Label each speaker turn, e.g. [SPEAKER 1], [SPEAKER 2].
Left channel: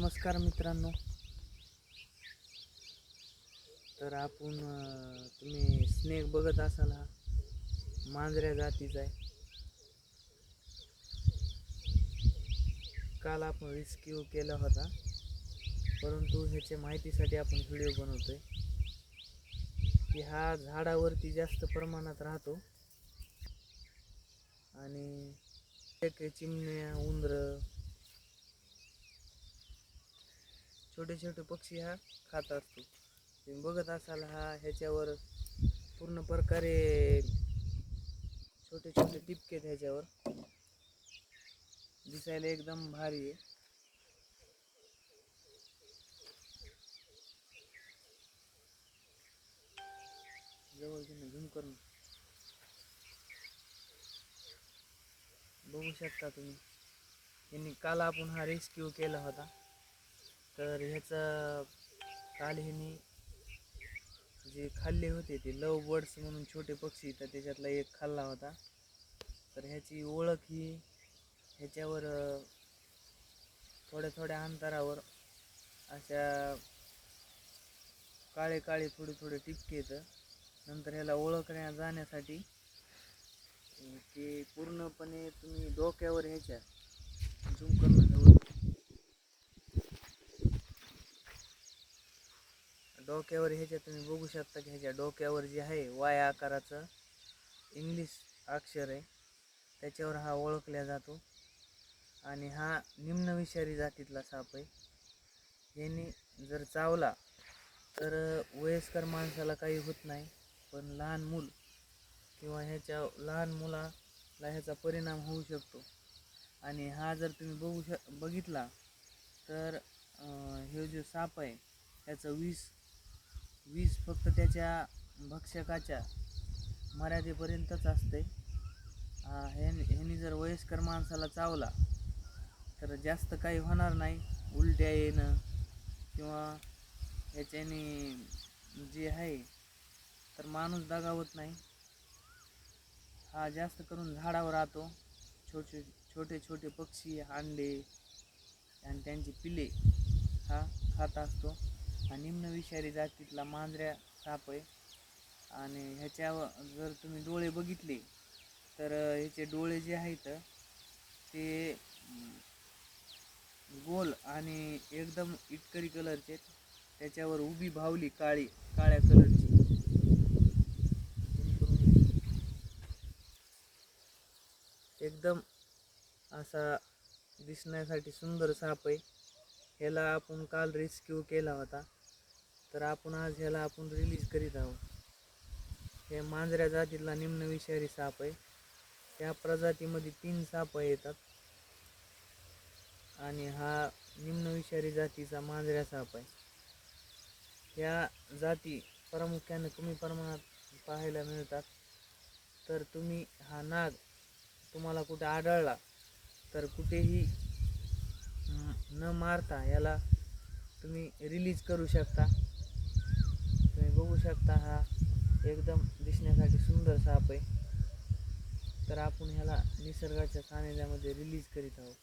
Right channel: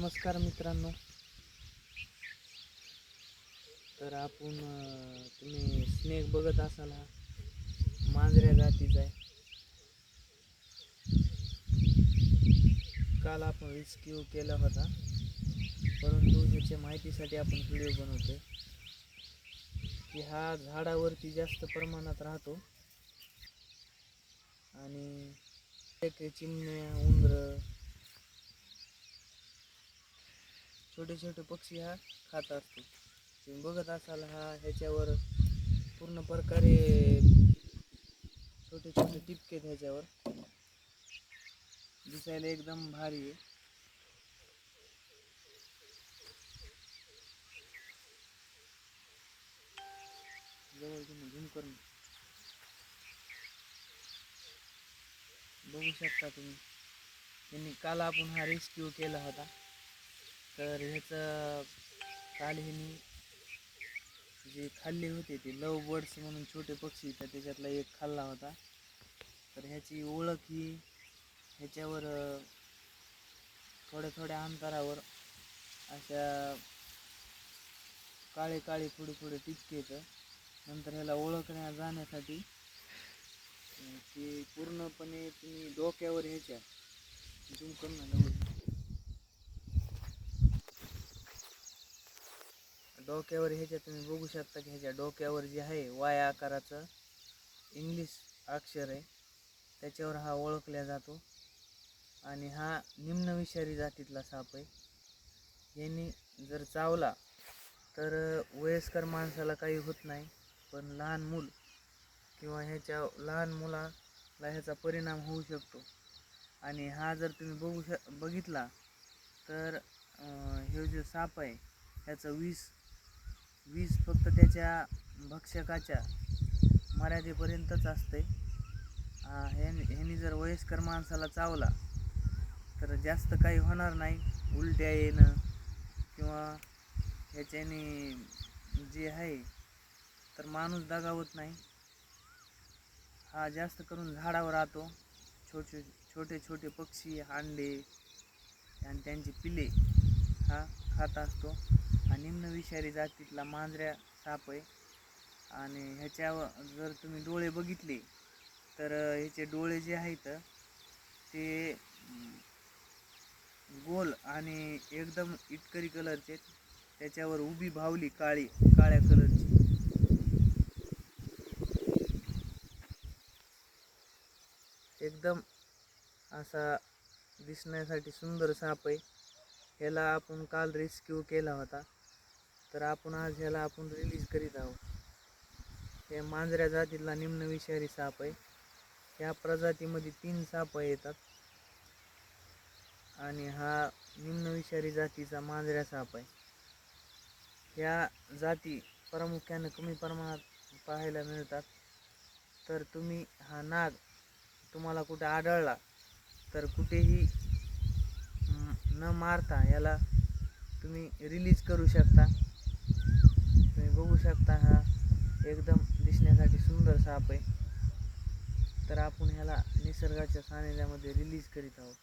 [SPEAKER 1] नमस्कार मित्रांनो. तर आपण तुम्ही स्नेक बघत असाल हा. मांजऱ्या जातीचा आहे. काल आपण रिस्क्यू केला होता. परंतु ह्याच्या माहितीसाठी आपण व्हिडिओ बनवतोय. की हा झाडावरती जास्त प्रमाणात राहतो. आणि चिमण्या उंदरं छोटे छोटे पक्षी हा खात असतो. तुम्ही बघत असाल हा ह्याच्यावर पूर्ण प्रकारे छोटे छोटे टिपके आहेत ह्याच्यावर. दिसायला एकदम भारी आहे. जवळ झूम करून बघू शकता तुम्ही. यांनी काल आपण हा रेस्क्यू केला होता. तर ह्याचं काल ह्यांनी जे खाल्ले होते ते लव बर्ड्स म्हणून छोटे पक्षी तर त्याच्यातला एक खाल्ला होता. तर ह्याची ओळख ही ह्याच्यावर थोड्या थोड्या अंतरावर अशा काळे काळे थोडे थोडे टिपके येतं. नंतर ह्याला ओळखण्या जाण्यासाठी ते पूर्णपणे तुम्ही डोक्यावर ह्याच्या झूम करणं जवळ डोक्यावर ह्याच्या तुम्ही बघू शकता की ह्याच्या डोक्यावर जे आहे वाय आकाराचं इंग्लिश अक्षर आहे त्याच्यावर हा ओळखला जातो. आणि हा निम्न विषारी जातीतला साप आहे. यांनी जर चावला तर वयस्कर माणसाला काही होत नाही पण लहान मूल किंवा ह्याच्या लहान मुलाला ह्याचा परिणाम होऊ शकतो. आणि हा जर तुम्ही बघू श बघितला तर हे जो साप आहे ह्याचं विष वीज फक्त त्याच्या भक्षकाच्या मर्यादेपर्यंतच असते. ह्यानी ह्यानी जर वयस्कर माणसाला चावला तर जास्त काही होणार नाही. उलट्या येणं किंवा ह्याच्याने जे आहे तर माणूस दगावत नाही. हा जास्त करून झाडावर राहतो. छोटे छोटे छोटे पक्षी अंडे आणि त्यांची पिले हा खात असतो. हा निम्न विषारी जातीतला मांजऱ्या साप आहे. आणि ह्याच्यावर जर तुम्ही डोळे बघितले तर ह्याचे डोळे जे आहेत ते गोल आणि एकदम इटकरी कलरचे त्याच्यावर उभी भावली काळी काळ्या कलरची. एकदम असा दिसण्यासाठी सुंदर साप आहे. ह्याला आपण काल रेस्क्यू केला होता. तर आपण आज ह्याला आपण रिलीज करीत आहोत. या मांजऱ्या जातीतला निम्न विषारी साप आहे. या प्रजातीमध्ये तीन साप येतात. आणि हा निम्न विषारी जातीचा मांजऱ्या साप आहे. या जाती प्रामुख्याने कमी प्रमाणात पाहायला मिळतात. तर तुम्ही हा नाग तुम्हाला कुठे आढळला तर कुठेही न मारता याला तुम्ही रिलीज करू शकता. तुम्ही बघू शकता हा एकदम दिसण्यासाठी सुंदर साप आहे. तर आपण ह्याला निसर्गाच्या सानिध्यामध्ये रिलीज करीत आहोत.